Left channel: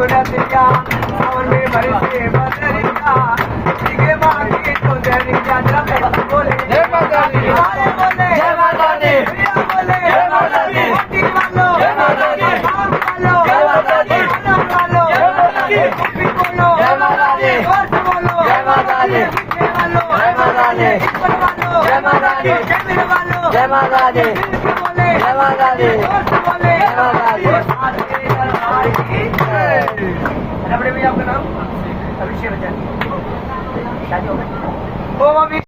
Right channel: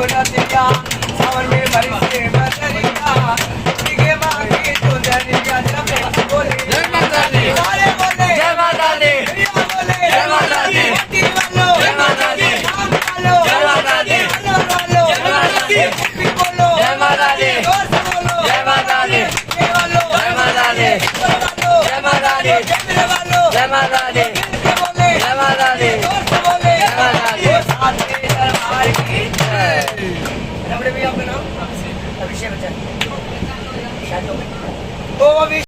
गुरतिया सावन में बरसे बदरिया भीगे माँ की चुनरिया जरा प्यार बोले जय माता दी हमारे बोले जय माता दी प्रिया बोले जय माता दी मोती वालो जय माता दी राम वालो जय माता दी अनंत वालो जय माता दी गोपी बोलो जय माता दी दोस्त बोलो जय माता दी लिखे वालो जय माता दी ऊपर वालो जय माता दी कैमरे वालो जय माता दी लिखे बोले जय माता दी दोस्त बोले जय माता दी आपके दरबार की जय। रबड़े भैया आपका नाम अभिषेक बच्चन शायद हो गया। ओ अभी